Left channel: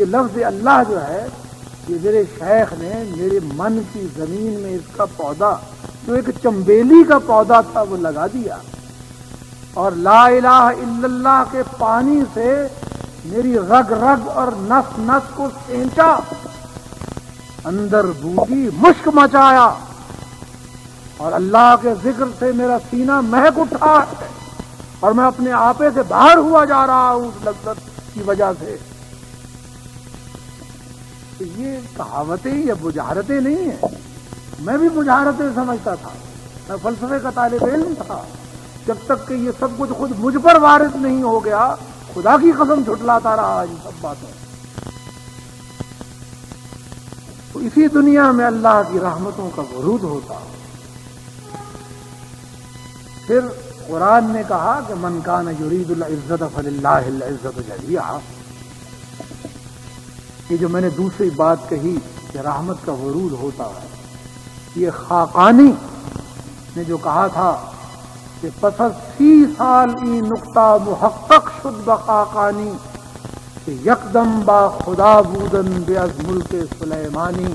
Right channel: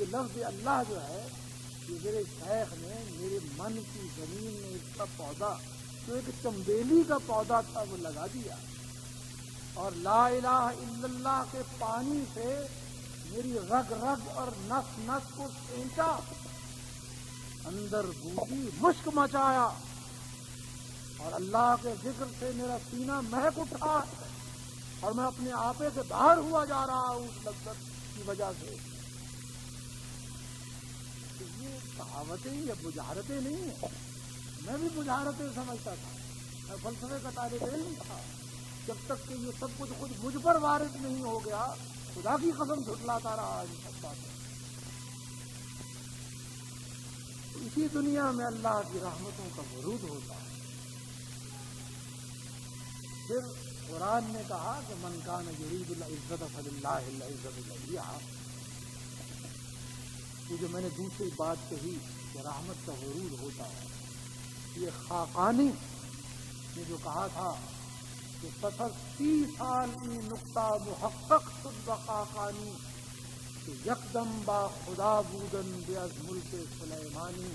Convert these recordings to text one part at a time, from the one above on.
یہ لفظ اللہ جو ہے یہ میرے شیخ نے میرے من کی زمین میں اس کا پودا جو ایک چمبیلی کا پودا تھا وہ لگا دیا، اور لا الہ الا اللہ کے پانی سے میری رگ رگ اور نس نس کو سینچا، اندر بوٹی مشک مچایا، اور اللہ کے ذکر سے میرا سینہ مہک اٹھا ہے، اور میں اپنے آپے سے باہر ہوا جا رہا ہوں اس لذت کی وجہ سے۔ یہ کہاوتیں یا بجھارتیں نہیں ہیں، میں بھی بجھارتیں سمجھتا تھا، میں فلسفے کا طالب علم تھا، جب تک کہ یہ سب کچھ خود مجھ پر وارد نہیں ہو گیا خدا کی قسم جھٹلاتا رہا ان سب باتوں۔ تو اسی دنیا میں اللہ کی رحمتوں کا ورود ہوتا۔ پھر قرآن نے کہا کہ من کان یرید العزت فللہ العزت جمیعا۔ یہ جو میں نے دوسری بات کہی کہ رحمت کا ورود ہوتا ہے، یہ خاقانی نے جو کہا تھا کہ پس از 30 سال ای نقطہ محقق شد بخاقانی کہ یکدم با خدا بودن بے از ملک سلیمانی۔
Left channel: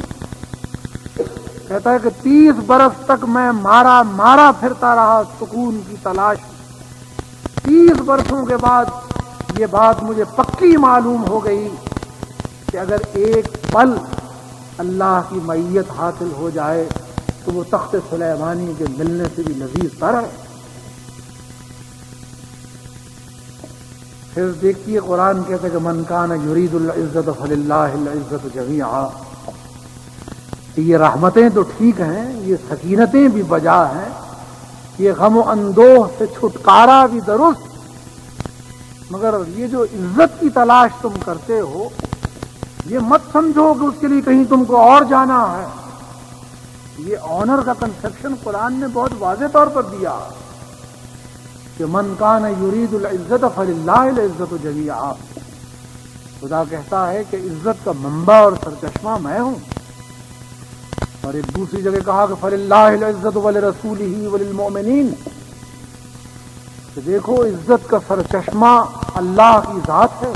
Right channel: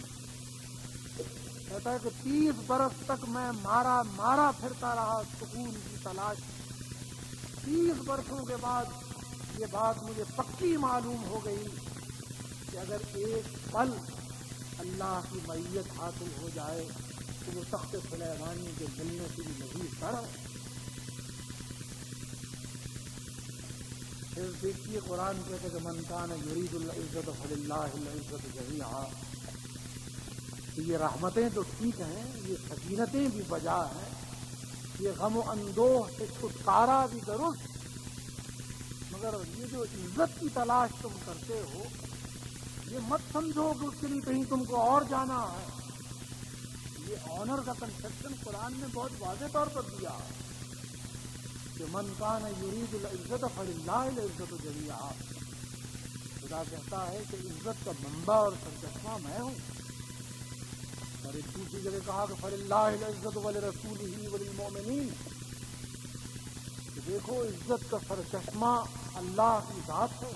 کہتا ہے کہ 30 برس تک میں مارا پھرتا رہا سکون کی تلاش میں۔ 30 برسوں کے بعد یہ بات مجھے پکی معلوم ہو گئی کہ اگر ایک پل اللہ کی معیت حاصل ہو جائے تو وہ تخت سلیمانی کے ملنے سے بھی لذیذ تر ہے۔ پھر دیکھیے قرآن کہتا ہے کہ من کان یرید العزت فللہ العزت جمیعا۔ یہ رحمتیں تو ٹھیک ہیں، یہ سکینتیں بھی بجا ہیں، یہ غم و اندوہ سے چھٹکارا بھی درست، مگر یہ جو عزت کی تلاش تم کرتے ہو یہ مت سمجھو کہ اس کے لیے کہیں تم کو اور جانا ہے۔ یہ آنر کا کنسپشن قرآن نے بہت واضح طور پر دیا کہ من کان یرید العزت فللہ العزت جمیعا۔ خدا کہتا ہے کہ عزت کا منبع اور سرچشمہ میں ہوں، اور ایک دوسری جگہ کہا کہ فللہ العزت ولرسولہ وللمؤمنین، کہ دیکھو عزت کا سرچشمہ اللہ کی ذات ہے،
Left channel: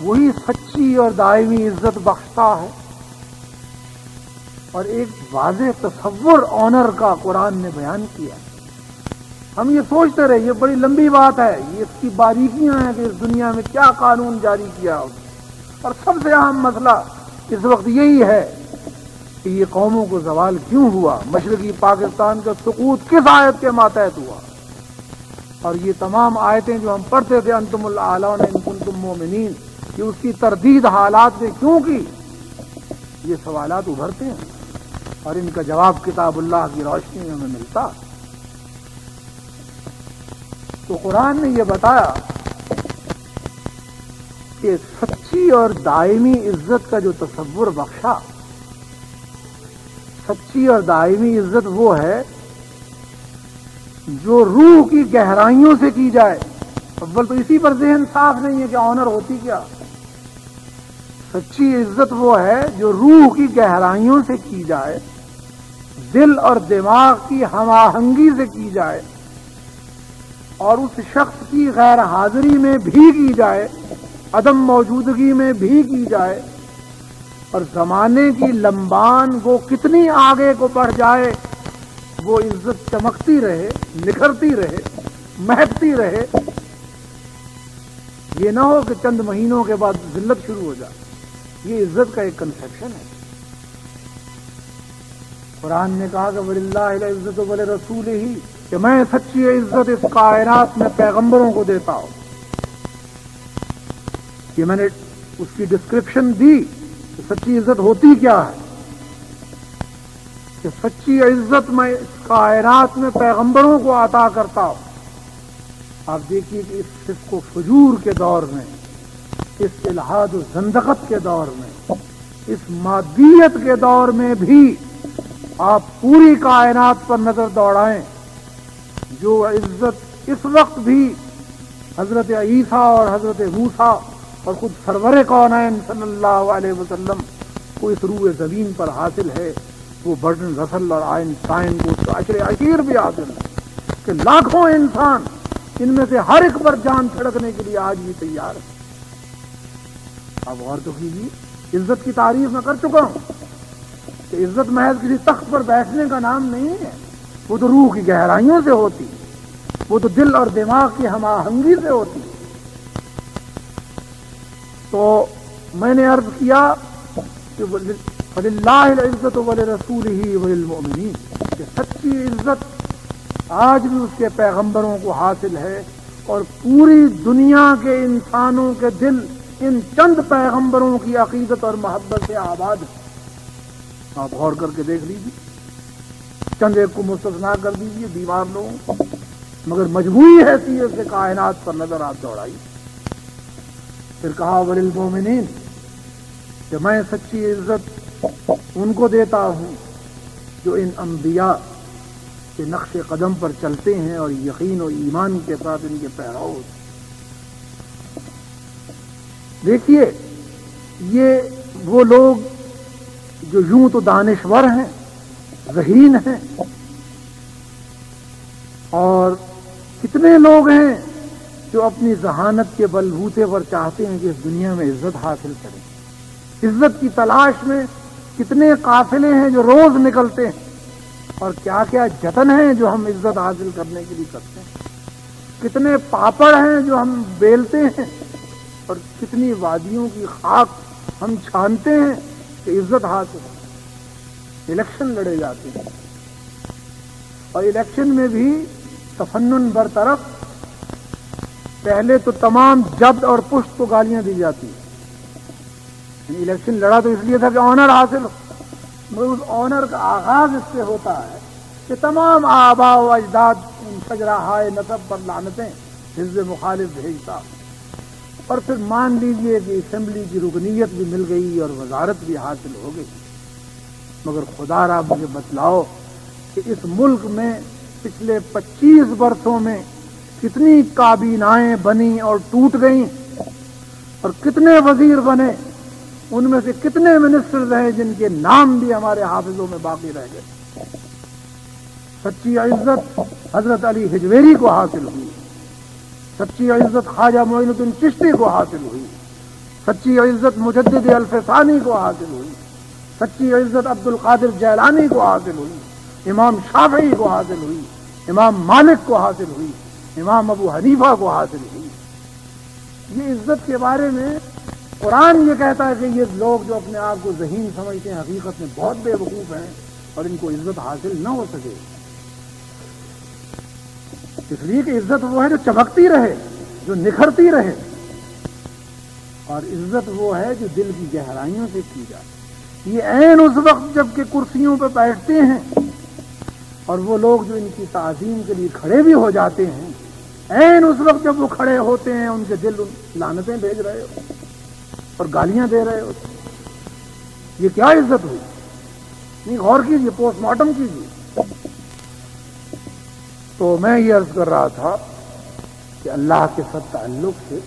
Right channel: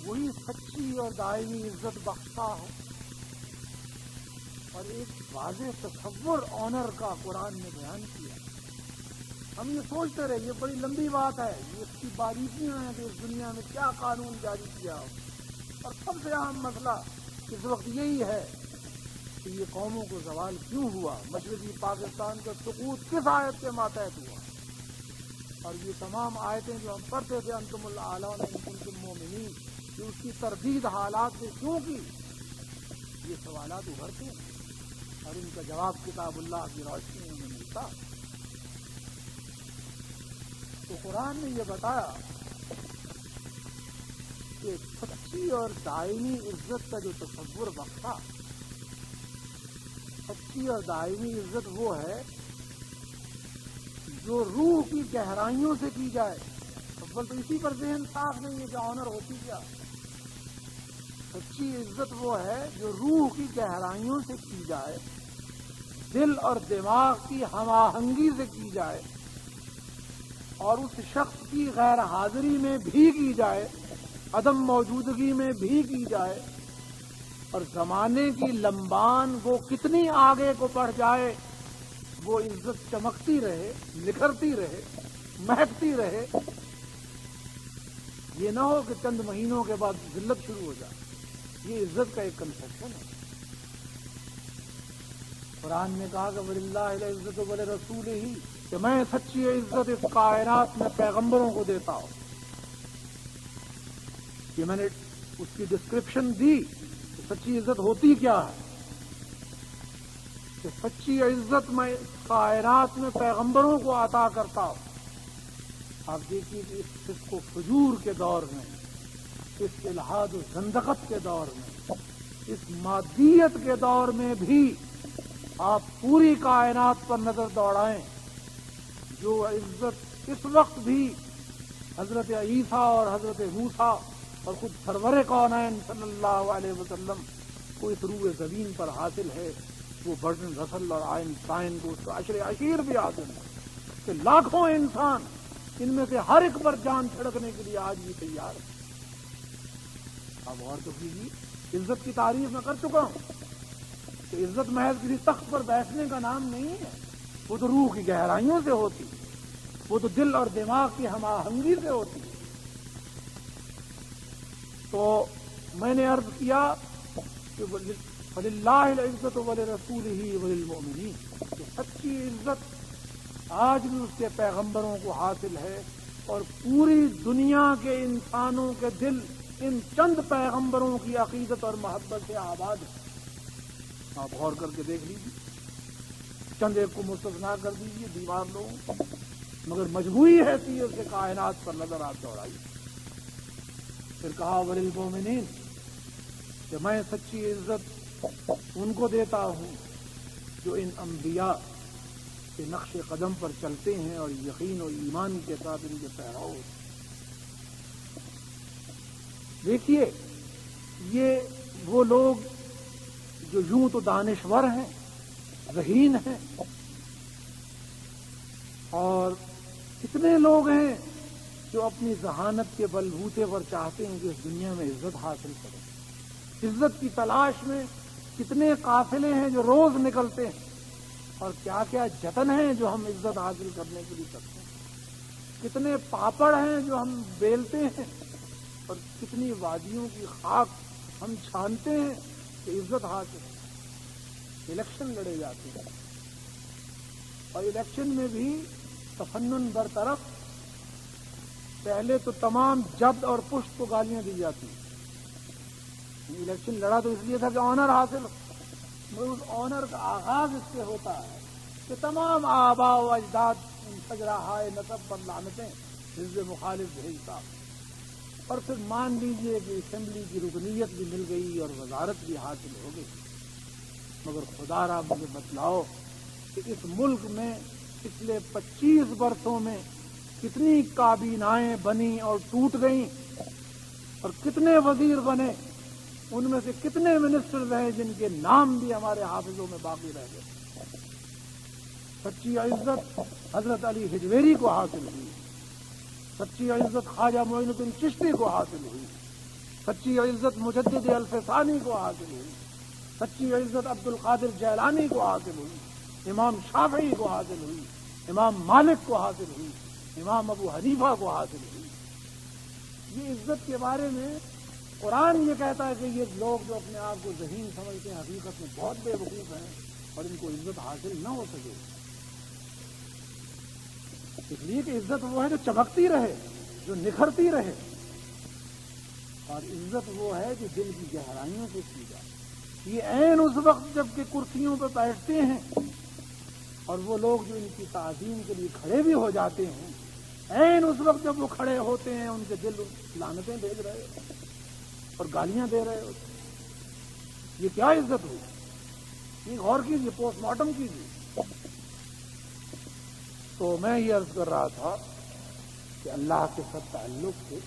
وہی سچی اور دائمی عزت بخشتا ہے۔ اور ایک واضح تصور آنر کا قرآن نے بیان کیا۔ ہم یہ سوچتے رہے یہ بڑی لمبی بات ہے، یہ اس کی باریکیاں ہیں کہ اس دنیا میں کیا قانون جاری کیا ہو، اور سب سے اہم مسئلہ اس وقت یہی ہے کہ یہ قوموں کو زوال کیوں ہوا، مشرقی پاکستان کا سقوط کس آیت کے ماتحت ہوا، اور یہ تمام آیتیں جو ہم پڑھتے تھے انتم الاعلون ان کنتم مومنین، کہ اس کی تردید حالات نے کیوں کی، یہ سوالات ابھرتے ہیں، اور ان کا جواب کتاب اللہ کی روشنی میں ہمیں ملتا۔ تو قرآن نے یہ بتایا کہ سچی اور دائمی عزت کا جو تصور بخشا، سچی اور دائمی عزت وہ ہے جو روح کی گہرائیوں سے کی جائے۔ اول تو اسی پر ذہن صاف نہیں ہے کہ آنر ہوتی کیا۔ سچی عزت وہ ہے جو روح کی گہرائیوں سے کی جائے، دل اور دماغ کی ہم آہنگی سے کی جائے، اور اس شخص کی غیر حاضری میں بھی کی جائے، عدم موجودگی میں بھی کی جائے، اور زمانے کی لمبان وہ کتنی آگے کو بڑھ جائے وہ عزت چمکتی رہے، نکھرتی رہے، مہکتی رہے۔ یہ نہ ہو کہ چند مہینوں کے بعد ذلت شروع ہو جائے۔ یہ عزت کا ایک کنسپشن ہے۔ قرآن نے کہا کہ وَلِلَّهِ الْعِزَّةُ وَلِرَسُولِهِ، کہ میں سچی عزت اس کائنات میں پیغمبروں کو دیتا ہوں۔ یہ میں نے اس کی ڈسکرپشن دی کہ سچی عزت ہوتی کیا ہے، کہ سچی عزت میں اس کائنات میں پیغمبروں کو عطا کرتا ہوں۔ آپ دیکھیے کہ اس فسق و فجور کے دور میں، اس الحاد و زندقت کے دور میں، اس مادیت کے دور میں بھی آپ پوری کائنات پر نظر دوڑائیں، جو عزت اس وقت بھی حضرت عیسیٰ اور حضرت موسیٰ اور خود سرور کونین صلی اللہ علیہ وسلم کو اس روح زمین پر حاصل ہے، وہ برٹن رسل اور آئنسٹائن کو اس کا عشر عشیر بھی حاصل ہے، کہ لاکھوں انسان ان میں سے ہر ایک پر جان چھڑکنے کے لیے آج بھی تیار ہے۔ آپ غور تو کیجیے، عزت کی تعریف میں کر چکا ہوں کہ عزت محض کسی تخت پر بیٹھنے کا نام نہیں ہے، وہ تو روح کی گہرائیوں سے ہوتی، وہ تو دل اور دماغ کی ہم آہنگی سے ہوتی۔ تو میں نے عرض کیا کہ فَلِلَّهِ الْعِزَّةُ وَلِرَسُولِهِ وَلِلْمُؤْمِنِينَ، کہ سچی عزت آج بھی اس کے پیغمبروں کو حاصل ہے، اور پوری دنیا کے انسانوں کے دل ان چند پیغمبروں کی عقیدت اور محبت سے آباد ہے۔ آپ غور کر کے دیکھ لیجیے، چند ایک کو مستثنا کر دیجیے بیمار لوگوں کو، مگر مجموعی حیثیت سے کائنات پر نظر آپ دوڑائی۔ پھر کہا وَلِلْمُؤْمِنِينَ، کہ میں سچی عزت ان کو دیتا ہوں جو ان انبیاء کے نقش قدم پر چلتے ہیں اور یقین و ایمان کے ساتھ ان کے پیرو۔ دیکھیے، یہ وہ لوگ جو یوں تو دانشور ہیں، ذہین ہیں، اور کتنے لوگ ہیں جو اپنی ذہانت کے بلبوتے پر چاہتے ہیں کہ اس دنیا میں عزت حاصل کریں۔ عزت کی تلاش میں کتنے قافلے ہیں جو روز نکلتے ہیں، اور کیا کیا جتن ہیں جو ہم عزت حاصل کرنے کے لیے کرتے ہیں، کتنے پاپڑ ہیں جو ہم بیلتے ہیں، اور کتنی وادیوں کی خاک ہم چھانتے ہیں کہ عزت حاصل ہو۔ الیکشن لڑے جاتے ہیں، اور الیکشن میں بھی تفنن برطرف، پہلے تو تمام جبد اور پشت کو گالیاں دی جاتی ہیں۔ الیکشن لڑا تو اس لیے تھا کہ آنر حاصل ہو، مگر اس آنر کا آغاز اس سے ہوتا ہے کہ تمام آباء و اجداد ان شجرہائے نسب پر لعنتیں حزب مخالف بھیجتا، اور پھر مان لیجئے کہ اسمبلی کی رکنیت بھی مل گئی اور وزارت بھی حاصل ہو گئی۔ مگر خدا را مجھے بتلاؤ کہ اس ملک میں پچھلے 25 برسوں میں کتنی کابینائیں بنی اور ٹوٹ گئیں، اور کتنے وزیر بنے، ان میں سے کتنے منسٹرز ہیں جن کے نام بھی ہمارے حافظوں میں باقی رہ گئے۔ سچی عزت حضرت علی حجویری کو حاصل ہوئی، سچی عزت خواجہ معین الدین چشتی کو حاصل ہوئی، سچی عزت مجدد الفسانی کو حاصل ہوئی، سچی عزت عبد القادر جیلانی کو حاصل ہوئی، امام شافعی کو حاصل ہوئی، امام مالک کو حاصل ہوئی، امام ابو حنیفہ کو حاصل ہوئی۔ یہ عزت کے بارے میں قرآن یہ کہتا ہے کہ یہ لوگ جو اپنے آپ کو ذہین سمجھتے ہیں حقیقت میں بہت بے وقوف ہیں، اور ان کو عزت حاصل نہ ہو سکے، اس لیے کہ عزت وہ ہے جو چمکتی رہے، جو نکھرتی رہے، اور عزت وہ ہے جو دل کی گہرائیوں سے کی جائے۔ یہ عین اس وقت جب کہ کرسیوں پہ بیٹھتے ہیں، اور وہ لوگ جو ان کی تعظیم کے لیے کھڑے بھی ہو جاتے ہیں، عین اس وقت جب وہ کھڑے ہوتے ہیں ان کے دل لعنتیں بھیج رہے ہو اور گالیاں دے رہے ہو۔ یہ کیا عزت ہوئی؟ نہیں، غور کیجیے، پوسٹ مارٹم کیجیے۔ تو میں یہ عرض کر رہا تھا کہ اللہ کے ساتھ تعلق سے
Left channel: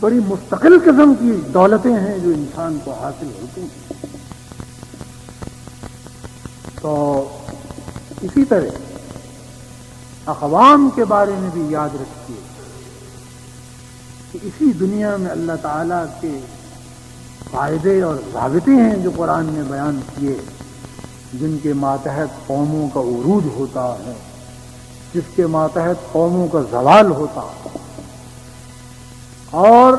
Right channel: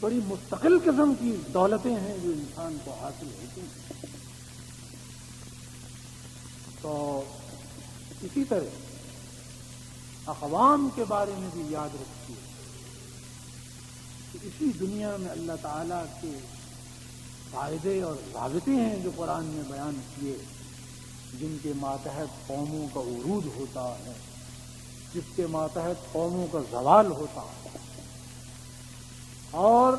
بڑی مستقل قسم کی دولتیں ہیں جو انسان کو حاصل ہوتی ہیں۔ تو اسی طرح اقوام کے بارے میں بھی یاد رکھیے کہ اسی دنیا میں اللہ تعالیٰ کے فائدے اور ضابطے ہیں جو قرآن نے بیان کیے، جن کے ماتحت قوموں کا عروج ہوتا ہے، جس کے ماتحت قوموں کا زوال ہوتا ہے، اور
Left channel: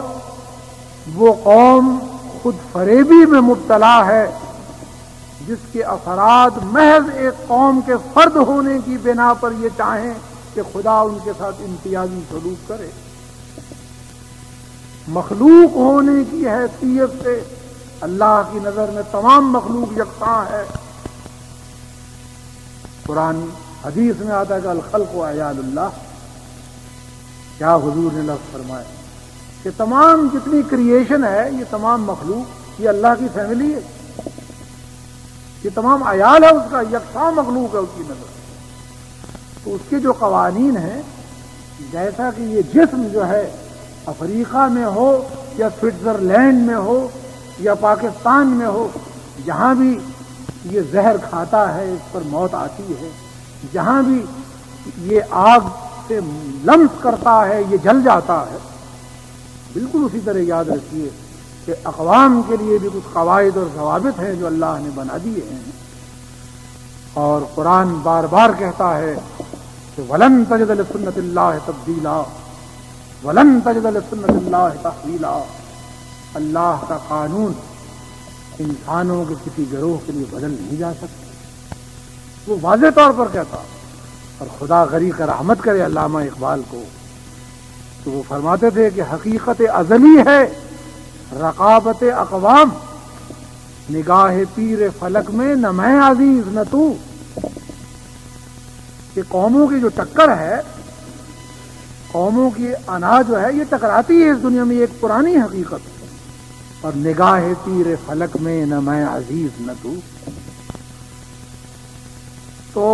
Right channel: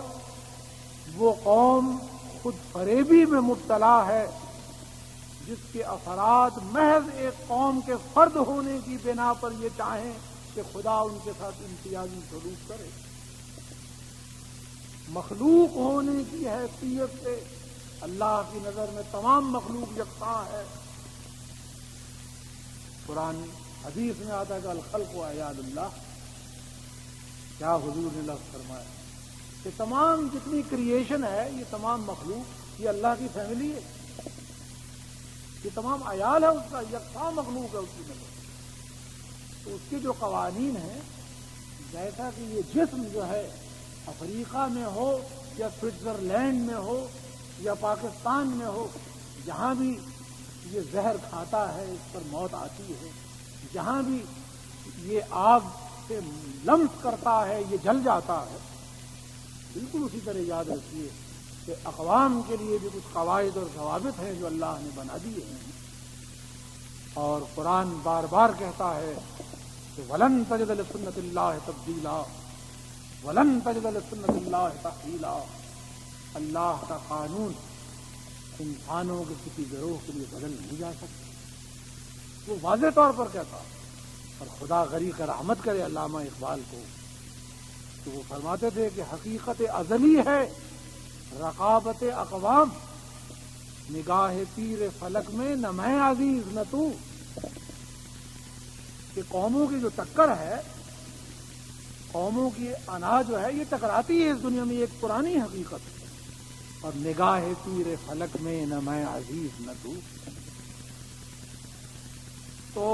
وہ قوم خود فریبی میں مبتلا ہے جس کے اثرات محض ایک قوم کے فرد ہونے کی بنا پر یہ چاہیں کہ خدا ان کے ساتھ امتیازی سلوک کرے۔ مخلوق ہونے کی حیثیت سے اللہ کی نظر میں تمام مخلوق یکساں ہے۔ قرآن حدیث میں آتا ہے کہ الخلق و عیال اللہ، کیا حضور نے لفظ فرمایا کہ تمام جتنی کریشن ہے، یہ تمام مخلوق یہ اللہ کی فیملی ہے، یہ تمام عیال ہے اس کا، یکساں مخلوق ہے اس کی نظر۔ تو اس کے جو قوانین ہیں، جیسا کہ یہ جسم جو ہے افریقہ میں ہو یا سوئٹزرلینڈ میں ہو یا پاکستان میں ہو، جہاں بھی یہ زہر کھاتا ہے اس پر موت آتی ہے، جہاں بھی یہ آگ سے لمس کرتا ہے یہ جل جاتا ہے۔ بالکل اسی طرح یاد رکھیے کہ اقوام کے لیے بھی کچھ قواعد اور ضوابط ہیں جو اللہ نے بنا دیے ہیں، اور قرآن بار بار کہتا ہے کہ وَلَن تَجِدَ لِسُنَّتِ اللَّهِ تَبْدِيلًا وَلَن تَجِدَ لِسُنَّتِ اللَّهِ تَحْوِيلًا۔ اللہ کا قانون انسانوں کے کسی گروہ کے لیے بدل نہیں جا سکتا، وہ واضح طور پر کہتا۔ اور خدا غریق رحمت کرے علامہ اقبال کو، تو وہ فرماتے تھے کہ حقیقت ازلی ہے رقابت اقوام، نگاہ پیر فلک میں نہ میں عزیز نہ تو، کہ قوموں کی جو ٹکر ہے، قوموں کی انا جو ہے یہ ٹکراتی ہے اس دنیا میں، ایک پرانی حقیقت، اور نگاہ پیر فلک میں نہ میں عزیز نہ تو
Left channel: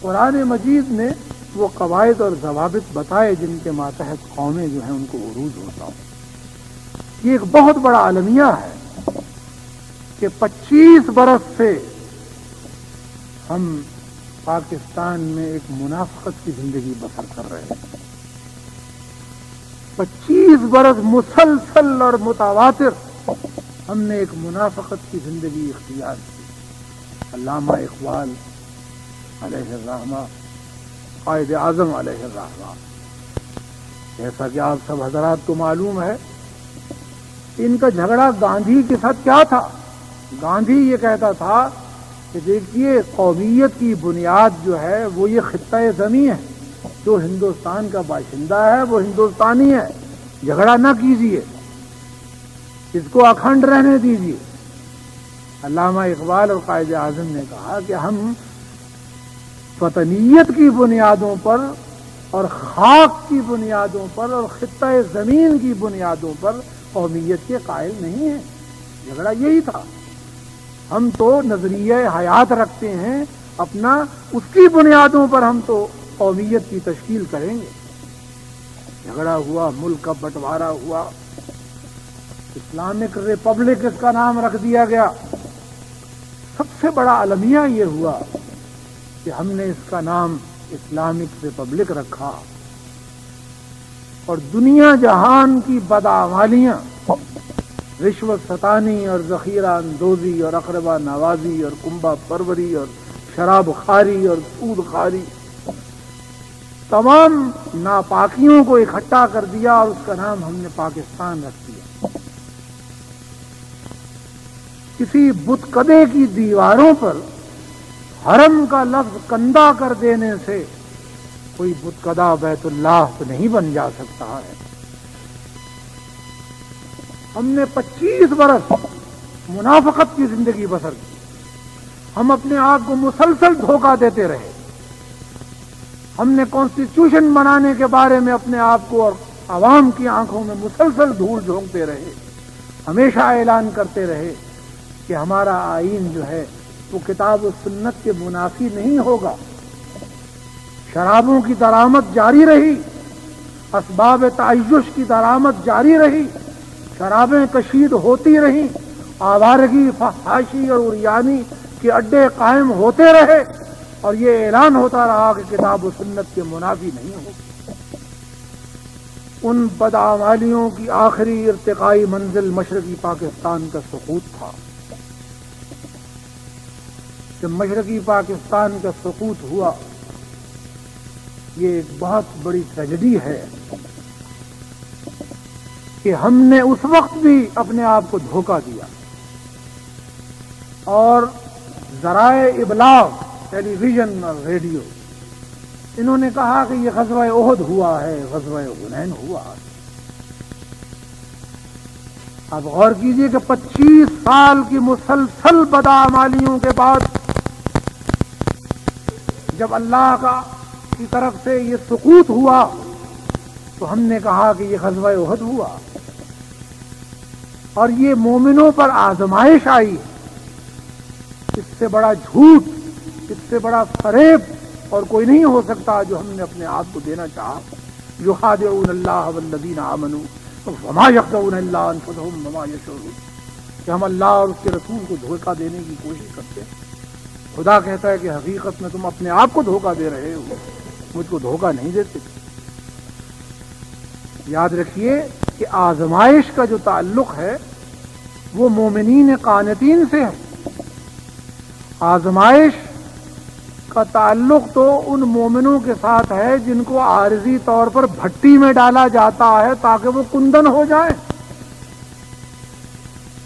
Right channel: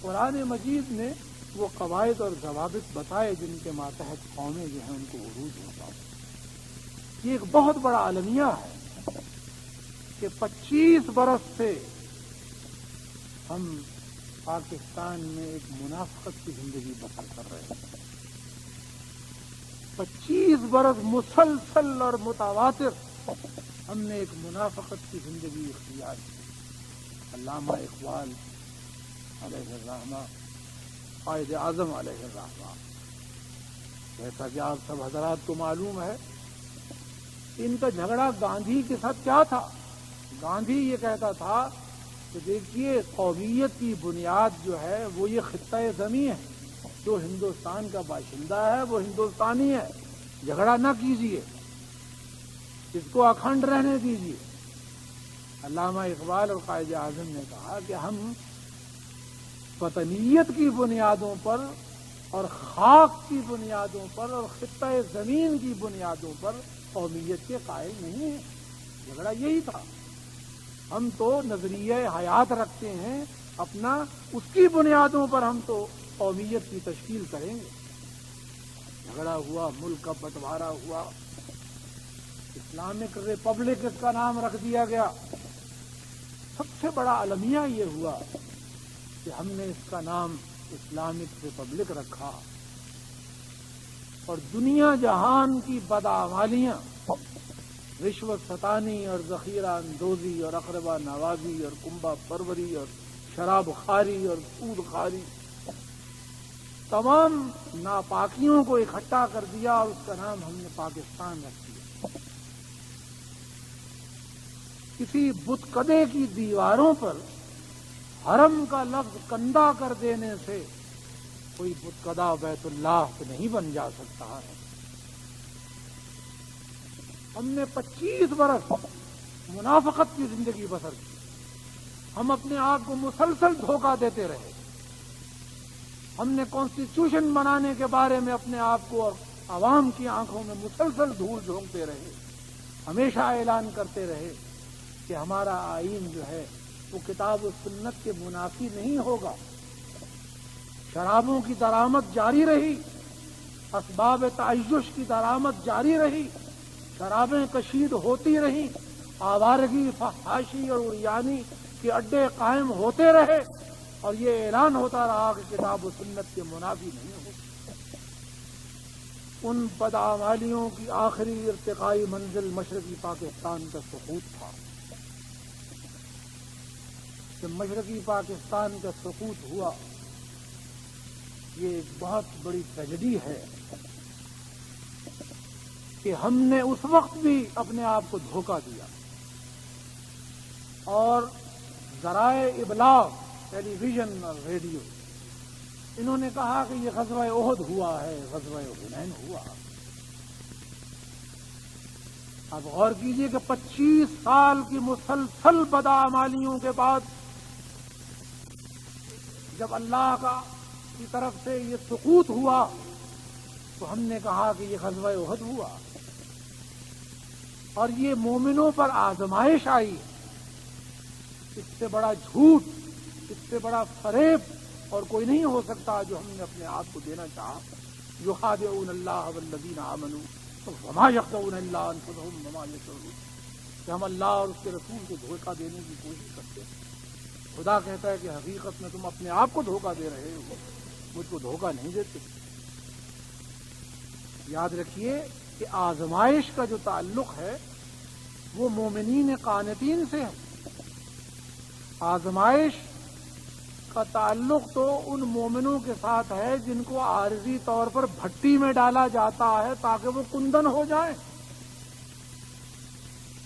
قرآن مجید نے وہ قواعد اور ضوابط بتائے جن کے ماتحت قومیں جو ہیں ان کو عروج ہوتا ہوں۔ یہ ایک بہت بڑا المیہ ہے کہ 25 برس سے ہم پاکستان میں ایک منافقت کی زندگی بسر کر رہے ہیں۔ 25 برس مسلسل اور متواتر ہم نے ایک منافقت کی زندگی اختیار کی۔ علامہ اقبال علیہ الرحمہ، قائد اعظم علیہ الرحمہ، جیسا کہ آپ سب حضرات کو معلوم ہے، ان کا جھگڑا گاندھی کے ساتھ کیا تھا؟ گاندھی یہ کہتا تھا کہ دیکھیے قومیت کی بنیاد جو ہے وہ یہ خطہ زمین ہے، جو ہندوستان کا باشندہ ہے وہ ہندوستانی ہے، جھگڑا نہ کیجیے، اس کو اکھنڈ رہنے دیجیے۔ علامہ اقبال اور قائد اعظم نے کہا کہ ہم وطنیت کی بنیادوں پر اور خاک کی بنیادوں پر اور خطہ زمین کی بنیادوں پر قومیت کے قائل نہیں ہیں۔ جھگڑا یہی تھا۔ ہم تو نظریہ حیات رکھتے ہیں اپنا، اس کی بنیادوں پر ہم تو قومیت کی تشکیل کریں گے۔ جھگڑا ہوا، ملک کا بٹوارا ہوا، اسلامک ریپبلک اس کا نام رکھ دیا گیا۔ سب سے بڑا المیہ یہ ہوا کہ ہم نے اس کا نام اسلامک ریپبلک رکھا، اور دنیا جہان کی بدعمالیاں، رشوت ستانی اور ذخیرہ اندوزی اور اقربا نوازی اور کنبہ پروری اور شراب خواری اور سود خواری، تمام ناپاکیوں کو اکٹھا کر دیا اور اس کا نام ہم نے پاکستان رکھ دیا۔ کسی بت کدے کی دیواروں پر حرم کا لفظ کندہ کر دینے سے کوئی بت کدا بیت اللہ تو نہیں بن جا سکتا ہے۔ ہم نے 25 برس منافقت کی زندگی بسر کی، ہم اپنے آپ کو مسلسل دھوکہ دیتے رہے۔ ہم نے کانسٹیٹیوشن بنانے کے بارے میں اپنے آپ کو اور عوام کی آنکھوں میں مسلسل دھول جھونکتے رہے، ہمیشہ اعلان کرتے رہے کہ ہمارا آئین جو ہے وہ کتاب و سنت کے منافی نہیں ہوگا۔ شرابوں کی درآمد جاری رہی، اسباب تعیش کی درآمد جاری رہی، شرابیں کشید ہوتی رہیں، آوارگی، فحاشی اور عریانی کے اڈے قائم ہوتے رہے، اور یہ اعلان ہوتا رہا کہ کتاب و سنت کے منافی نہیں ہوگی۔ ان بدعمالیوں کی آخری ارتقائی منزل مشرقی پاکستان کا سقوط تھا۔ جب مشرقی پاکستان کا سقوط ہوا، یہ ایک بہت بڑی ٹریجڈی ہے کہ ہم نے اس وقت بھی اپنے آپ کو دھوکہ دیا، اور ذرائع ابلاغ، ٹیلی ویژن اور ریڈیو، انہوں نے کہا کہ یہ غزوہ احد ہوا ہے، غزوہ حنین ہوا ہے۔ اب غور کیجئے کہ 25 سال کی مسلسل بدعمالیوں کے بعد جب اللہ کی طرف سے یہ سقوط ہوا تو ہم نے کہا کہ یہ غزوہ احد ہوا، اور یہ مومنوں پر آزمائش آئی۔ اس سے بڑا جھوٹ، اس سے بڑا فریب اور کوئی نہیں ہو سکتا جو ہم نے اپنے آپ کو دینا چاہا۔ یخادعون اللہ والذین آمنوا وما یخدعون الا انفسهم وما یشعرون، کہ ہم اللہ اور اس کے رسول کو دھوکہ دینے کی کوشش کرتے ہیں۔ خدا کہتا ہے کہ حقیقت میں تم اپنے آپ کو دھوکہ دے رہے ہو، مجھ کو دھوکہ نہیں دیتے۔ یاد رکھیے کہ آزمائش کا جو تعلق ہے وہ مومنین قانتین سے ہے۔ آزمائش کا تعلق تو ان مومنوں کے ساتھ ہے جن کو عارضی طور پر بھٹی میں ڈالا جاتا ہے تاکہ وہ کندن ہو جائیں۔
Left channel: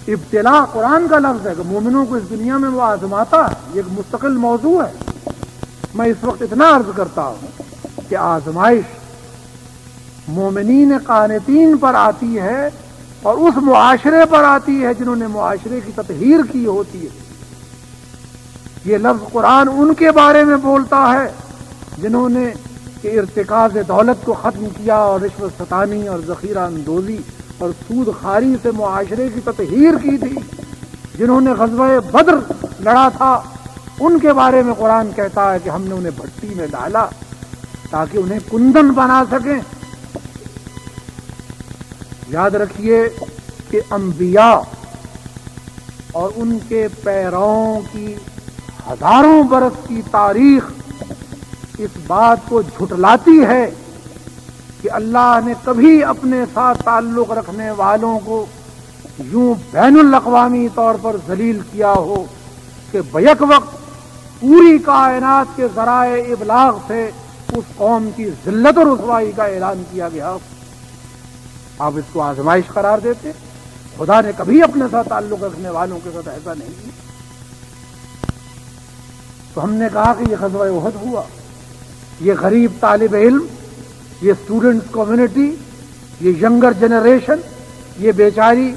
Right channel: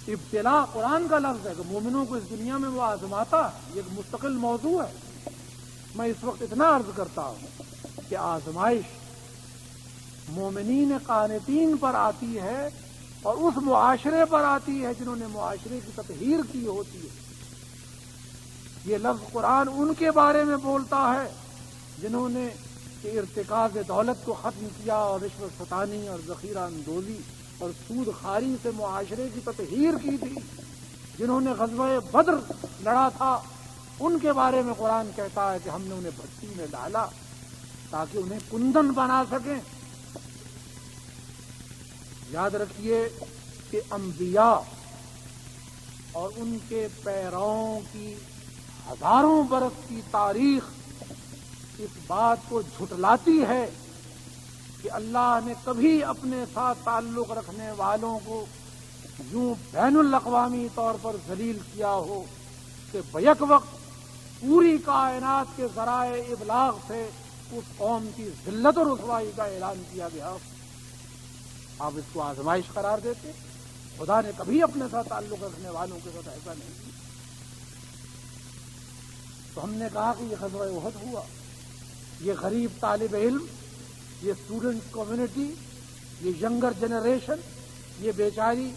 ابتلا قرآن کا لفظ ہے کہ مومنوں کو اس دنیا میں وہ آزماتا ہے، یہ ایک مستقل موضوع ہے۔ میں اس وقت اتنا عرض کرتا ہوں کہ آزمائش مومنین قانتین پر آتی ہے اور اس معاشرے پر آتی ہے جنہوں نے معاشرے کی تطہیر کی ہوتی ہے۔ یہ لفظ قرآن ان کے بارے میں بولتا ہے جنہوں نے ارتکاز دولت کو ختم کیا اور رشوت ستانی اور ذخیرہ اندوزی اور سود خاری سے معاشرے کی تطہیر کی تھی، جنہوں نے غزوہ بدر لڑا تھا، ان کے بارے میں قرآن کہتا ہے کہ ہم نے انہیں بھٹی میں ڈالا تاکہ انہیں کندن بنا سکیں۔ یاد رکھیے کہ انبیاء اور ان کے پیرووں کی ہزاروں برس کی تاریخ اس بات کو جھٹلاتی ہے کہ اللہ نے کبھی اپنے ساتھ تعلق رکھنے والوں کو یوں بین الاقوامی طور پر ذلیل کیا ہو کہ بیک وقت پوری کائنات کے ذرائع ابلاغ سے اس قوم کی ذلت اور رسوائی کا اعلان کیا گیا۔ آپ اس کو آزمائش قرار دیتے؟ خدا نے کبھی اپنے ساتھ تعلق رکھنے والوں کے ساتھ ایسا نہیں کیا۔ تو ہم نے کہا کہ یہ غزوہ احد ہوا، یہ غریب طالب علم، یہ اسٹوڈنٹس کمیونٹی، یہ ینگر جنریشن، یہ بیچاری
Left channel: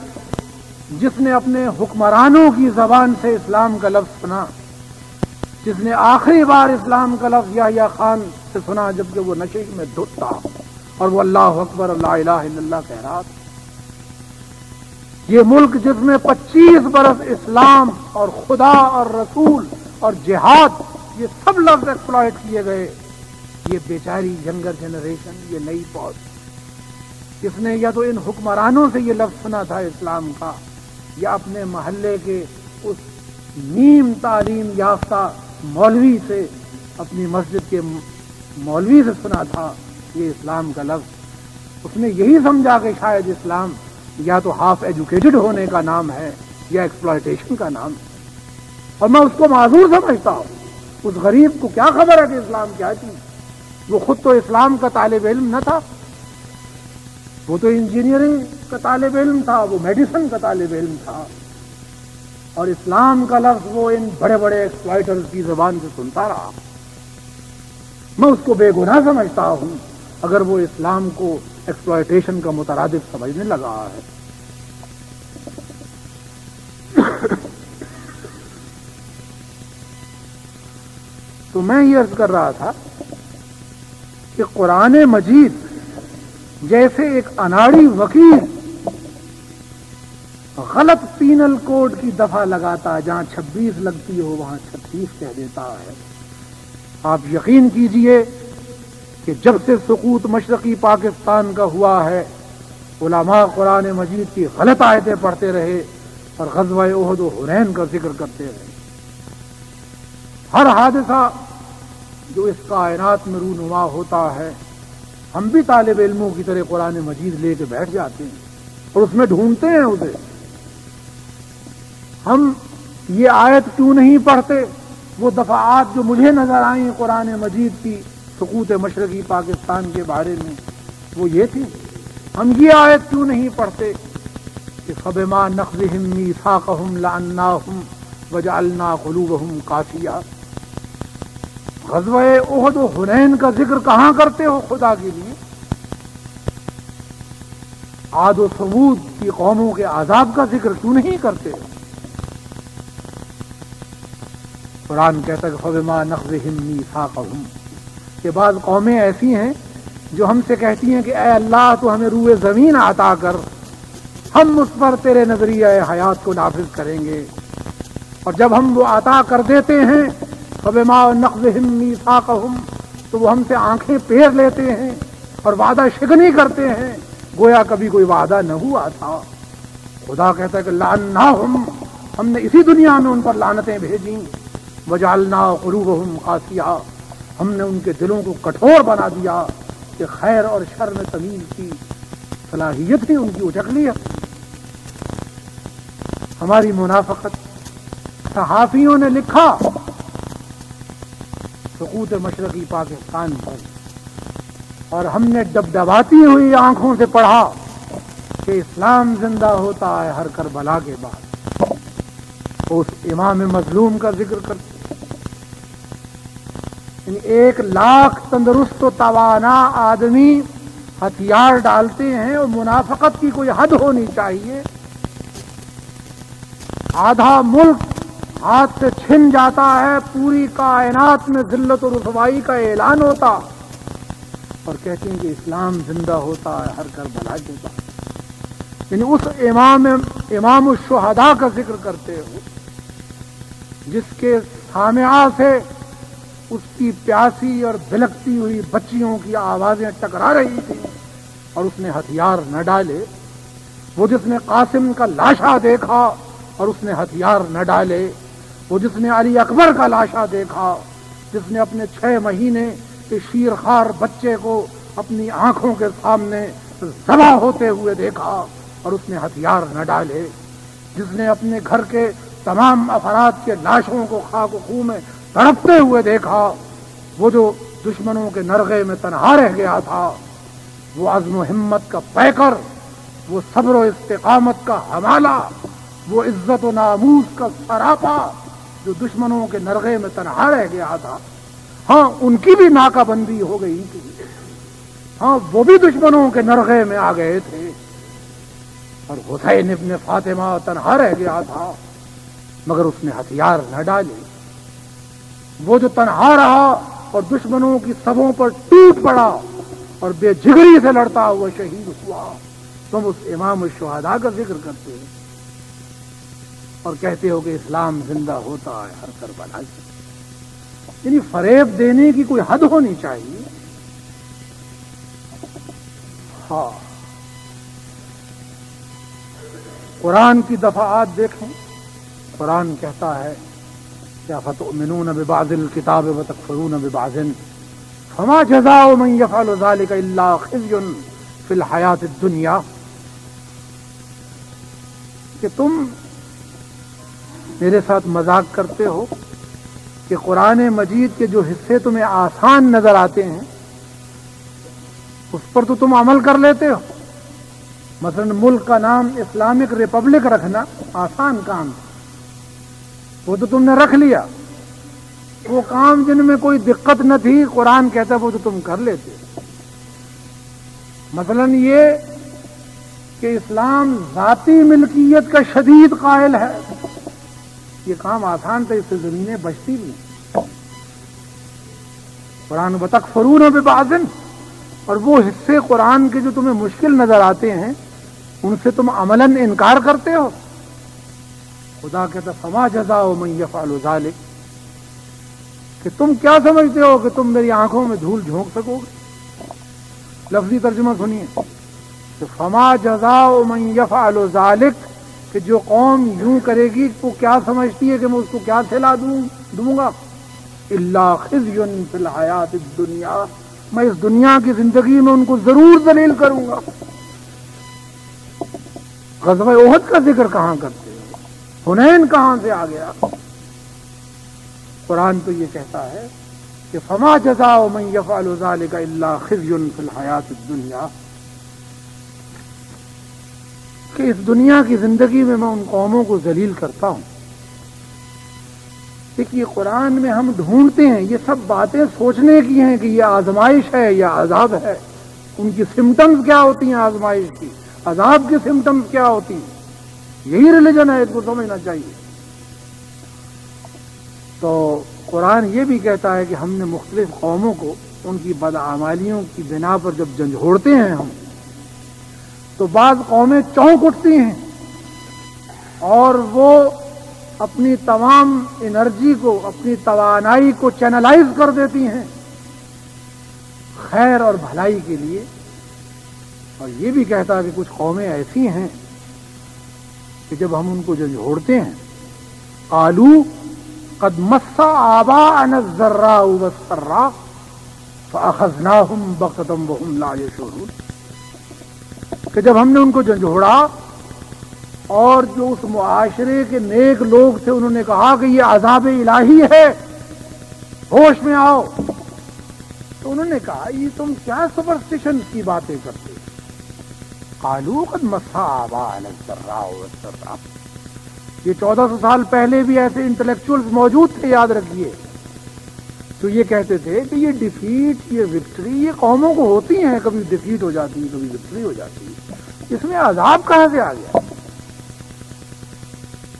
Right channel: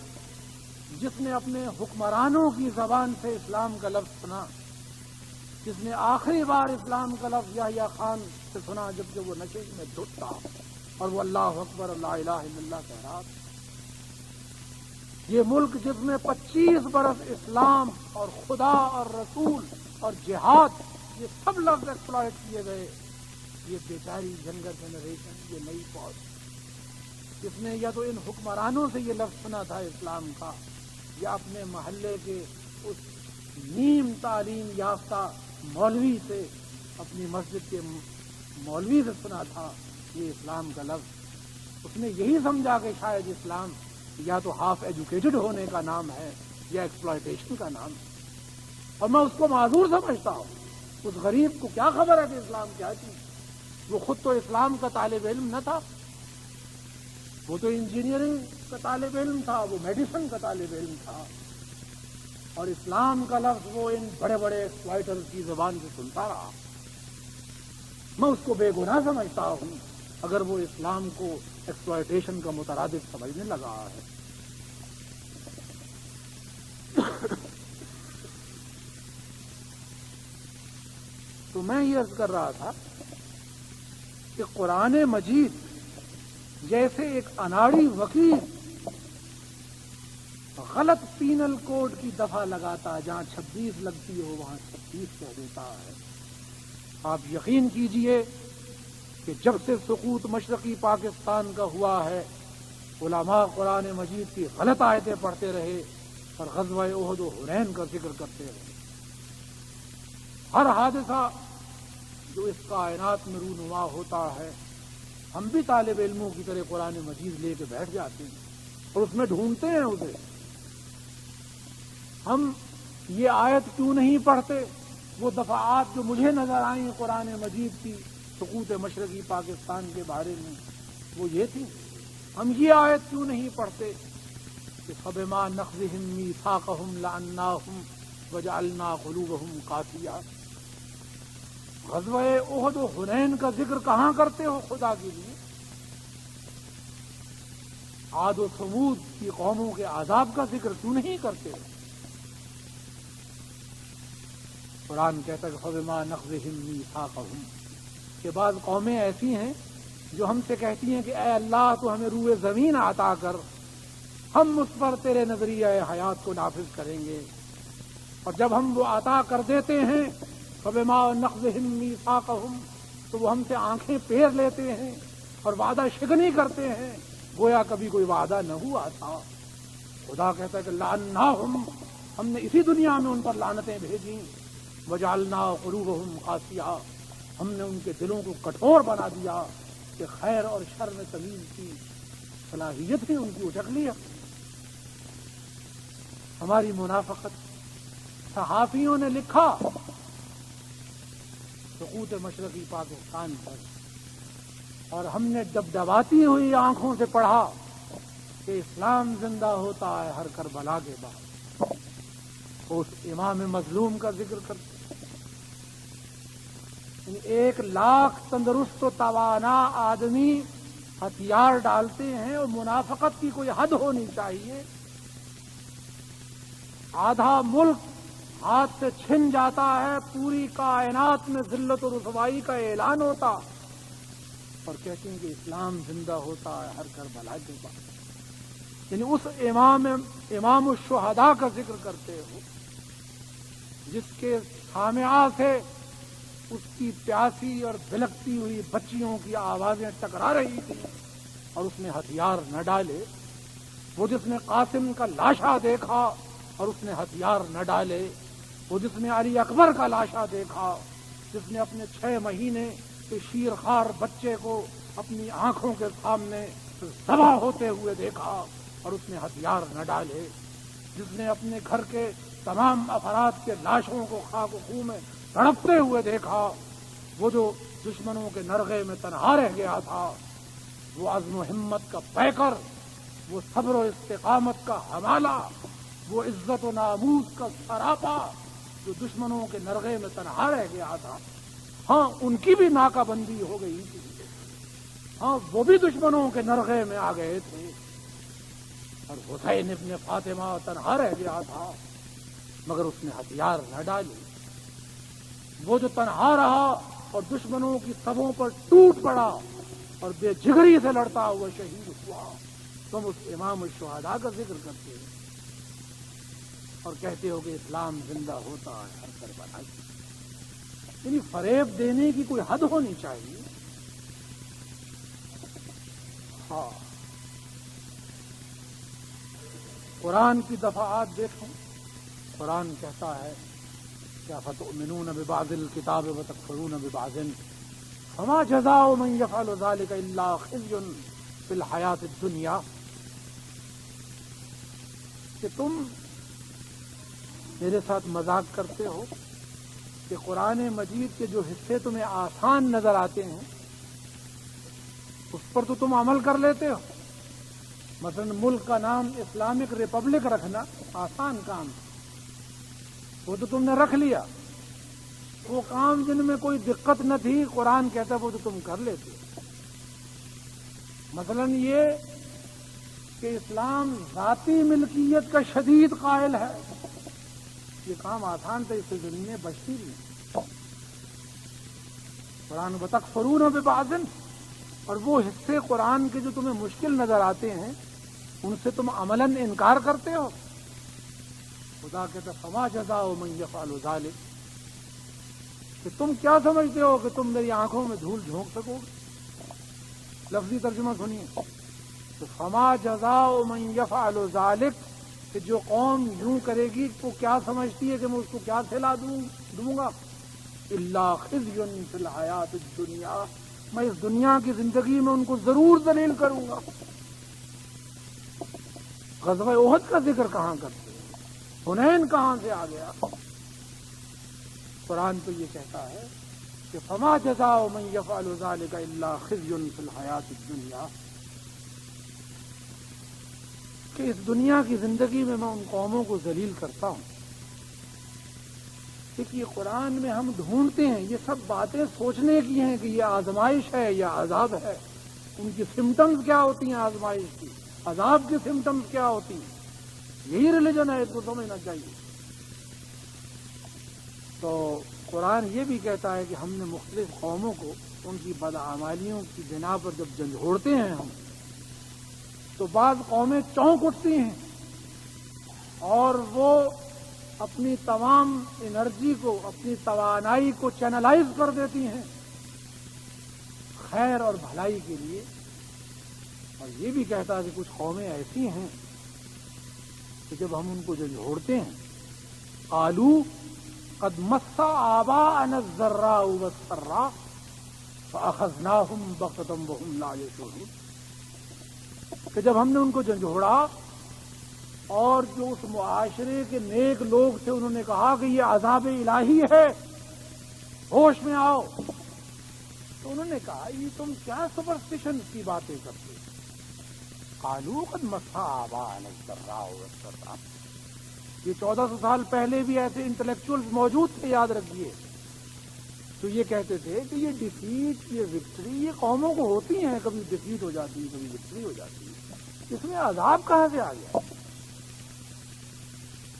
جس نے اپنے حکمرانوں کی زبان سے اسلام کا لفظ سنا، جس نے آخری بار اسلام کا لفظ یحییٰ خان سے سنا جبکہ وہ نشے میں دھت تھا اور وہ اللہ اکبر اور لا الہ الا اللہ کہہ رہا تھا۔ یہ ملک جس میں 25 برس اسلام اور خدا اور رسول اور جہاد یہ سب لفظ ایکسپلائٹ کیے گئے، یہ بیچاری ینگر جنریشن، یہ نئی فوج، اس نے یا تو ان حکمرانوں سے یہ لفظ سنا تھا اسلام کا، یا اپنے محلے کے اس نیم تعلیم یافتہ مولوی سے، اپنی مسجد کے مولوی سے سنا تھا یہ اسلام کا لفظ۔ اس نے یہی سمجھا کہ شاید اسلام یا تو ہاف ایجوکیٹڈ ہونے کا نام ہے یا ایکسپلائٹیشن کا نام ہے، اور میں اس کو معذور سمجھتا ہوں۔ اس غریب کو کیا خبر ہے کہ اسلام کیا چیز؟ وہ خود تو اسلام کا طالب علم نہ تھا، وہ تو انجینئرنگ کا طالب علم تھا، وہ میڈیسن کا طالب علم تھا، اور اسلام کا لفظ وہ ان بڑے بڑے ایکسپلائٹرز کی زبان سے سنتا رہا۔ میں اس کو بے گناہ سمجھتا ہوں اگر وہ اسلام کو ایکسپلائٹیشن کا مترادف سمجھنے لگا ہے۔ تو میں یہ عرض کر رہا تھا کہ قرآن مجید جیسے ایک اناڑی وکیل غلط پینل کوڈ کی دفعہ لگاتا ہے، جہاں 26 لگتی ہو وہاں 36 کہہ دیتا ہے۔ آپ یقین کیجئے کہ جب سے سقوط مشرقی پاکستان کا ہوا ہے، علماء قرآن مجید کی غلط آیتیں پڑھتے رہے اور غزوہ احد و حنین کا ذکر کرتے رہے۔ ہر حادثہ جو اس کائنات میں رونما ہوتا ہے، ہم بھی طالب علموں کی طرح قرآن مجید لے کے بیٹھ جاتے ہیں اور اس میں ڈھونڈتے ہیں اسے۔ ہم یہ آیت کیوں نہیں پڑھتے؟ وہ دفعات جو مجھے نظر آئیں قرآن مجید کی سقوط مشرقی پاکستان کے بارے میں، وہ یہ تھی۔ ہم یہ آیت کیوں نہیں پڑھتے کہ فَبِمَا نَقْضِهِم مِّيثَاقَهُمْ لَعَنَّاهُمْ وَجَعَلْنَا قُلُوبَهُمْ قَاسِيَةً؟ غزوہ احد و حنین کا ذکر کہاں کرتے ہو خدا کے لیے؟ عاد و ثمود کی قوموں کے عذاب کا ذکر کیوں نہیں کرتے؟ قرآن کہتا ہے کہ فَبِمَا نَقْضِهِم مِّيثَاقَهُمْ کہ بعض قومیں ایسی ہیں جو ہم سے کہتی ہیں کہ اے اللہ تو ہمیں روئے زمین عطا کر، ہم اس پر تیرے نظریہ حیات کو نافذ کریں گے، اور جب ہم وہ عطا کر دیتے ہیں فَبِمَا نَقْضِهِم مِّيثَاقَهُمْ تو وہ ہم سے آنکھیں پھیر لیتے ہیں اور وعدہ شکنی کرتے ہیں گویا کبھی کوئی وعدہ نہ ہوا تھا۔ خدا کہتا ہے کہ لَعَنَّاهُمْ ہم نے اسی دنیا میں ان پر لعنتیں بھیجیں، وَجَعَلْنَا قُلُوبَهُمْ قَاسِيَةً ہم نے ان کے دلوں کو کٹھور بنا دیا کہ خیر اور شر میں تمیز کی، صلاحیت ہی ان کی اچک لی ہے. ہماری منافقت. صحافیوں نے لکھا سقوط مشرقی پاکستان پر، اور ہم نے ڈبڈباتی ہوئی آنکھوں سے پڑھا کہ اسلام زندہ ہوتا ہے ہر کربلا کے بعد. اس امام مظلوم کا ذکر کرتے، 1,00,000 تندرست و توانا آدمی ہتھیار ڈالتے ہیں، اور منافقت کی کوئی حد ہونی چاہیے. آدھا ملک ہاتھ سے چھن جاتا ہے، پوری کائنات میں ذلت و رسوائی کا اعلان ہوتا، اور کہتے ہیں کہ اسلام زندہ ہوتا ہے ہر کربلا کے بعد. یعنی اس امام الشہداء کا ذکر کرتے ہو جس کے سامعہ سے اس کی پیاسی اور بلکتی ہوئی بچیوں کی آوازیں ٹکرا رہی تھیں، اور اس نے ہتھیار نہ ڈالے. وہ جس نے قاسم کا لاشا دیکھا اور اس نے ہتھیار نہ ڈالے. وہ جس نے علی اکبر کا لاشا دیکھا، جس نے اپنے 6 مہینے کے شیرخوار بچے کو اپنی آنکھوں کے سامنے ذبح ہوتے ہوئے دیکھا اور اس نے ہتھیار نہ ڈالے. جس نے اپنے گھر کے تمام افراد کے لاشوں کو خاک و خون میں تڑپتے ہوئے دیکھا. وہ جو دشمنوں کے نرغے میں تنہا رہ گیا تھا، وہ عزم و ہمت کا پیکر، وہ صبر و استقامت کا حوالہ، وہ عزت و ناموس کا سراپا جو دشمنوں کے نرغے میں تنہا رہ گیا تھا. ہاں ان کی بھی ناکہ بندی ہو گئی تھی، ہاں وہ بھی دشمنوں کے نرغے میں آ گئے تھے، اور حسین ابن فاطمہ تنہا رہ گیا تھا، مگر اس نے ہتھیار نہ ڈالے. وہ جو تنہا رہا اور دشمنوں کی صفوں پر ٹوٹ پڑا اور بے جگری سے لڑتا ہوا شہید ہوا. تم اس امام الشہداء کا ذکر کرتے ہو اور کہتے ہو کہ اسلام زندہ ہوتا ہے ہر کربلا سے. یعنی فریب دینے کی کوئی حد ہونی چاہیے. ہاں، قرآن کی دفعات دیکھیں. قرآن کہتا ہے کیا فتؤمنون ببعض الکتاب وتکفرون ببعض فما جزاء من يفعل ذلك الا خزي في الحیات الدنیا. کہ تم میرے ساتھ مذاق کرتے ہو کہ قرآن مجید کے جو حصے تمہیں آسان نظر آتے ہیں اس پر تو تم عمل کر لیتے ہو. مثلا ملک کا نام اسلامک ریپبلک رکھنا آسان کام ہے، وہ تو تم نے رکھ لیا. وہ کام جن میں کوئی دقت نہ تھی قرآن کہتا ہے وہ تو تم کر لیتے. مثلا یہ کہ اسلام ذاتی ملکیت کا شدید قائل ہے، یہ کام آسان تھا، اس سے زمینیں بچتی بھی. قرآن وتکفرون ببعض، اور وہ حصے قرآن کے جو تمہیں مشکل نظر آتے ہیں ان سے تم عملاً انکار کرتے ہو. خدا کہتا فما جزاء من يفعل ذلك، کہ تم کیا سمجھتے ہو کہ تم میری آنکھوں میں دھول جھونک سکو گے. لفظی ترجمہ سنیے کہ فما جزاء من يفعل ذلك، کہ جو قوم یوں کرے گی وہ کیا سمجھتی ہے کہ میں اس کو کیا سلا دوں گا. الا خزي في الحیات الدنیا، میں اس دنیا کی زندگی میں ان کو ضرور ذلیل کروں گا. غزوہ احد کا ذکر کہاں کرتے ہیں؟ حنین کہاں سے آ گیا؟ قرآن تو یہ کہتا ہے کہ فما جزاء من يفعل ذلك الا خزي في الحیات الدنیا، کہ اس دنیا کی زندگی میں ان قوموں کو ذلیل کرتا ہوں. دیکھیے قرآن میں ہم ڈھونڈتے ہیں، یہ سب باتیں سوچنے کی ہیں کہ یہ آزمائش ہے یا عذاب ہے. ان کی سمٹمز کیا ہوتی ہیں آزمائش کی، عذاب کی سمٹمز کیا ہوتی ہیں. یہی ریلیجن ہے، اس کو سمجھنا چاہیے. تو قرآن یہ بھی کہتا ہے کہ ہم نے مختلف قوموں کو ان کی بدعمالیوں کی بنا پر جب جھنجھوڑتے ہیں ہم، تو بعض قومیں چونک اٹھتی ہیں اور وہ اپنی تمام انرجی کو، اپنی توانائی کو چینلائز کر دیتی ہیں خیر اور بھلائی کے لیے. اور یہ بھی کہتا ہے کہ کچھ قومیں ایسی ہیں کہ جب ہم ان کو جھنجھوڑتے ہیں قالوا قد مس آباءنا الضراء والسراء فأخذناهم بغتة وهم لا يشعرون. کہ جب ہم نے ان کو جھنجھوڑا اور جو اس معاشرے کے نیک لوگ تھے انہوں نے کہا کہ یہ عذاب الہی ہے، ہوش میں آؤ، تو انہوں نے کہا یہ تم کیا سپرسٹیشن کی باتیں کرتے؟ قالوا قد مس آباءنا الضراء والسراء. یہ 1400 سال پہلے بھی ایسے انٹلیکچوئلز موجود تھے، یاد رکھیے، تو یہ کہتے تھے کہ یہ ڈیفیٹ، یہ وکٹری، یہ قوموں کو ہوتی ہیں، کبھی ڈیفیٹ ہو جاتی ہے، کبھی وکٹری ہو جاتی ہے، اس میں عذاب کہاں سے آ گیا؟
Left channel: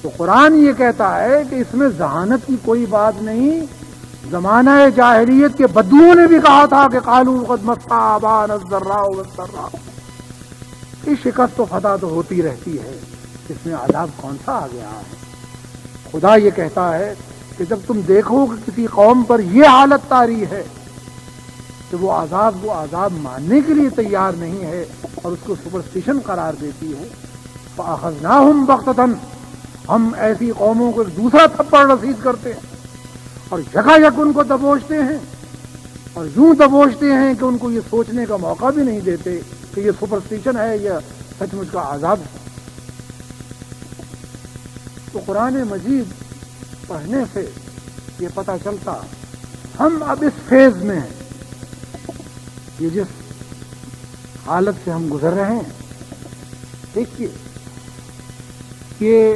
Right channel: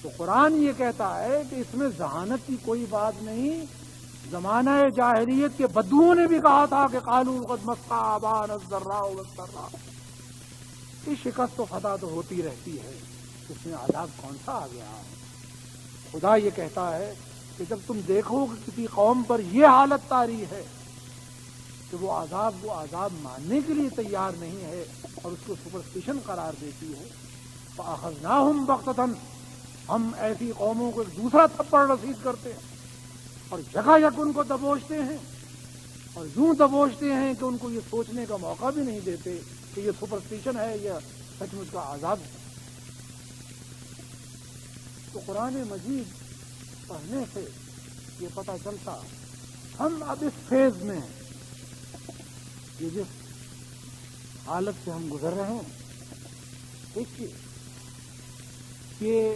تو قرآن یہ کہتا ہے کہ اس میں ذہانت کی کوئی بات نہیں. زمانہ جاہلیت کے بدوؤں نے بھی کہا تھا کہ قالوا قد مس آباءنا الضراء والسراء. یہ شکست و فتح تو ہوتی رہتی ہے، اس میں عذاب کون سا آ گیا ہے؟ خدا یہ کہتا ہے کہ جب تم دیکھو کہ کسی قوم پر یہ حالت طاری ہے کہ وہ عذاب ماننے کے لیے تیار نہیں ہے اور اس کو سپرسٹیشن قرار دیتی ہے، فَأَخَذْنَاهُمْ بَغْتَةً، ہم ایسی قوموں کو ایک دوسرا تھپڑ رسید کرتے ہیں اور یکایک ان کو دبوچتے ہیں، اور یوں دبوچتے ہیں کہ ان کو یہ سوچنے کا موقع بھی نہیں دیتے کہ یہ سپرسٹیشن ہے یا سچ مچ کا عذاب ہے. تو قرآن مجید پڑھنے سے یہ پتہ چلتا ہم اب اس فیز میں ہیں، یہ جس حالت سے ہم گزر رہے ہیں. دیکھیے یہ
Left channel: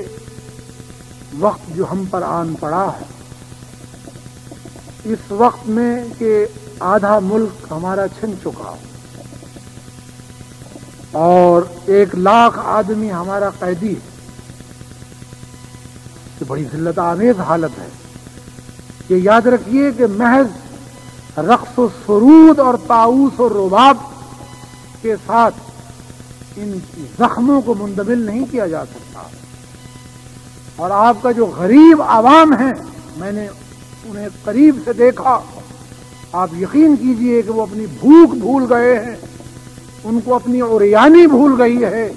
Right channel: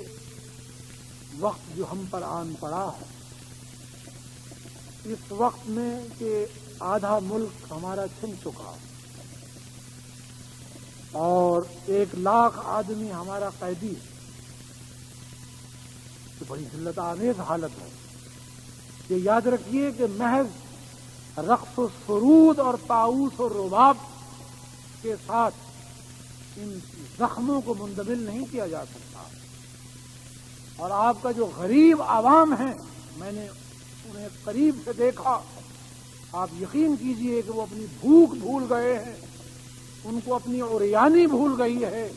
وقت جو ہم پر آن پڑا ہے، اس وقت میں کہ آدھا ملک ہمارا چھن چکا اور 1 لاکھ آدمی ہمارا قیدی ہے، یہ بڑی ذلت آمیز حالت ہے. یہ یاد رکھیے کہ محض رقص و سرود اور طاؤس و رباب کے ساتھ ان زخموں کو مندمل نہیں کیا جا سکتا. اور آپ کا جو غریب عوام ہیں، میں نے انہیں قریب سے دیکھا، آپ یقین کیجئے کہ وہ اپنی بھوک بھول گئے ہیں، ان کو اپنی عریانی بھول گئی ہے.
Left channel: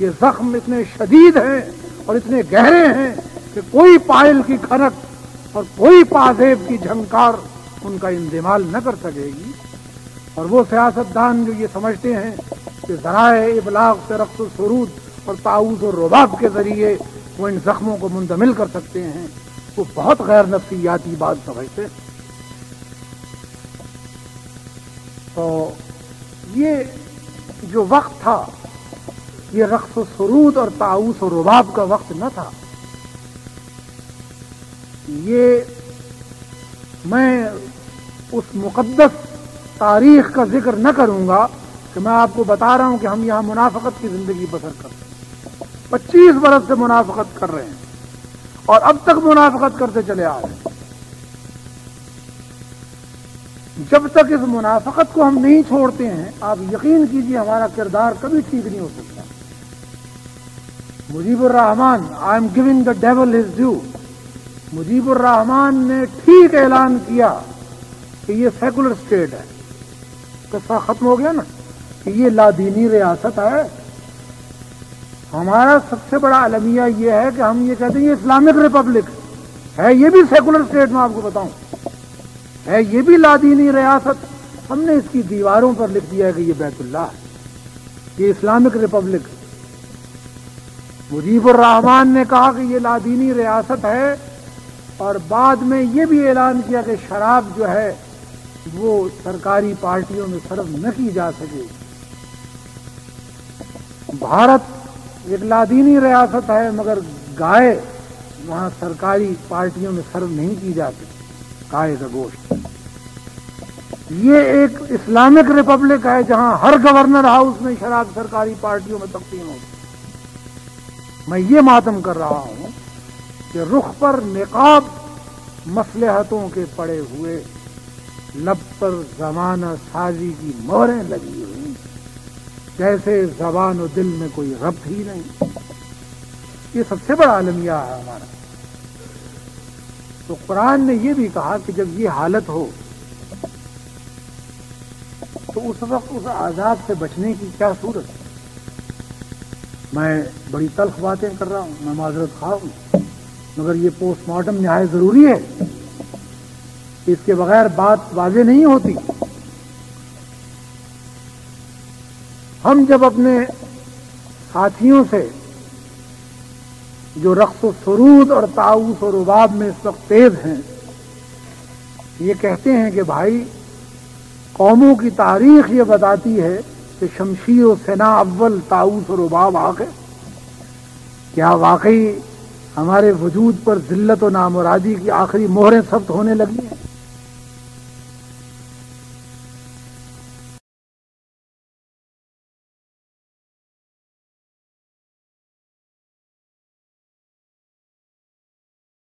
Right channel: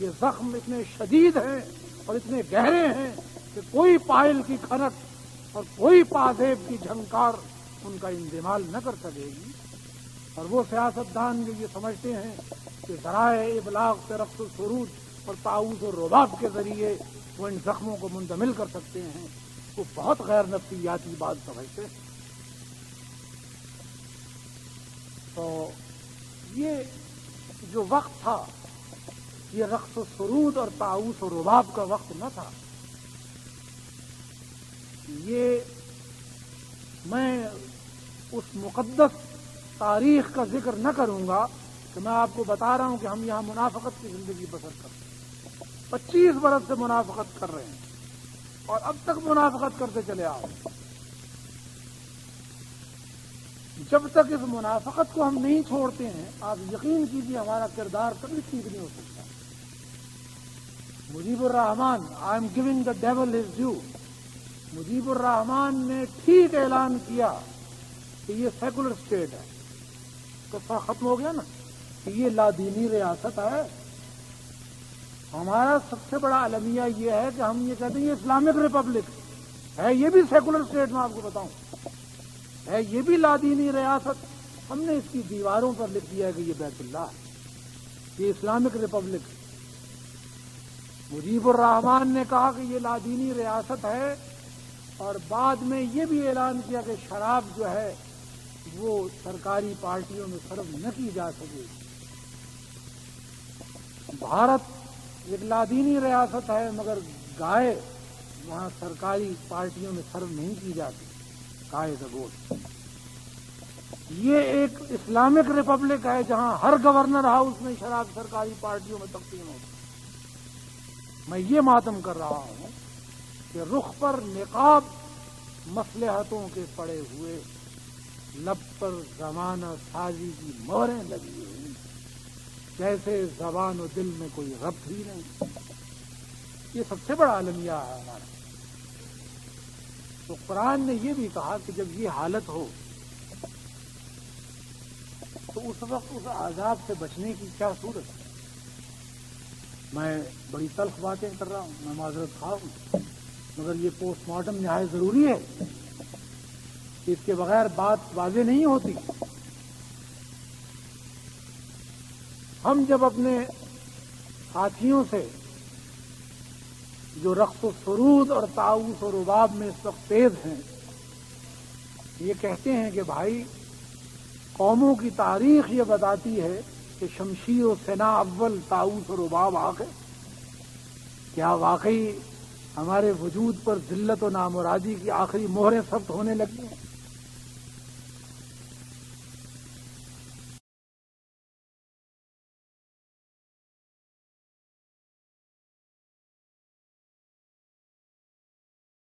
یہ زخم اتنے شدید ہیں اور اتنے گہرے ہیں کہ کوئی پائل کی کھنک اور کوئی پازیب کی جھنکار ان کا اندمال نہ کر سکے گی. اور وہ سیاستدان جو یہ سمجھتے ہیں کہ ذرائع ابلاغ سے رقص و سرود اور طاؤس اور رباب کے ذریعے وہ ان زخموں کو منتمل کر سکتے ہیں، وہ بہت غیر نفسیاتی بات سمجھتے ہیں. تو یہ جو وقت تھا یہ رقص و سرود اور طاؤس و رباب کا وقت نہ تھا. یہ میں اس مقدس تاریخ کا ذکر نہ کروں گا کہ میں آپ کو بتا رہا ہوں کہ ہم یہاں منافقت کی زندگی بسر کرتے ہیں. 25 برس سے منافقت کر رہے ہیں اور اب تک منافقت کرتے چلے آ رہے ہیں. جب تک اس منافقت کو ہم نہیں چھوڑتے ہیں، آپ یقین کیجئے ہمارا کردار کبھی ٹھیک نہیں ہو سکتا. Mujibur Rahman, I am giving the devil his due, Mujibur Rahman نے ٹھیک اعلان کیا کہ یہ سیکولر اسٹیٹ ہے. قصہ ختم ہو گیا نا کہ یہ لادینی ریاست ہے. ہمارا سب سے بڑا المیہ یہ ہے کہ ہم یہ کہتے ہیں یہ اسلامک ریپبلک ہے، یہ بھی سیکولر اسٹیٹ میں آپ کو بتاؤں ہے، یہ بھی لادینی ریاست. ہم نے اس کی دیواروں پر لکھ دیا ہے کہ یہ بیت اللہ ہے، یہ اسلامک ریپبلک. مجیب الرحمان نے کہا کہ یہ لادینی ریاست ہے اور بعد میں یہ بھی اعلان کیا کہ شراب جو ہے وہ سرکاری پارٹیوں میں صرف نہ کی جا سکے. بھارت ایک لادینی ریاست ہے مگر گائے وہاں سرکاری پارٹیوں میں صرف نہیں کی جاتی، گائے کا گوشت. یہ ایک اسلامک ریپبلک ہے جہاں ہر گورنر ہاؤس میں شراب سرکاری پارٹیوں میں تقسیم ہوتی. میں یہ ماتم کر رہا ہوں کہ رخ پر نقاب مصلحتوں کے پڑے ہوئے، لب پر زمانہ سازی کی مہریں لگی ہوئی، جیسے زبان و دل میں کوئی ربط ہی نہیں. یہ سب سے بڑا المیہ ہے ہمارا. تو قرآن نے یہ بھی کہا کہ جب یہ حالت ہو تو اس وقت اس عذاب سے بچنے کی کیا صورت ہے. میں بڑی تلخ باتیں کر رہا ہوں، میں معذرت خواہ ہوں، مگر یہ پوسٹ مارٹم نہایت ضروری ہے. اس کے بغیر بات واضح نہیں ہوتی. ہم جب اپنے ساتھیوں سے جو رقص و سرود اور طاؤس و رباب میں اس وقت تیز ہیں، یہ کہتے ہیں کہ بھائی قوموں کی تاریخ یہ بتاتی ہے کہ شمشیر و سنا اول، طاؤس و رباب آخر. کیا واقعی ہمارے وجود پر ذلت و نامرادی کی آخری مہریں ثبت ہونے لگی ہیں؟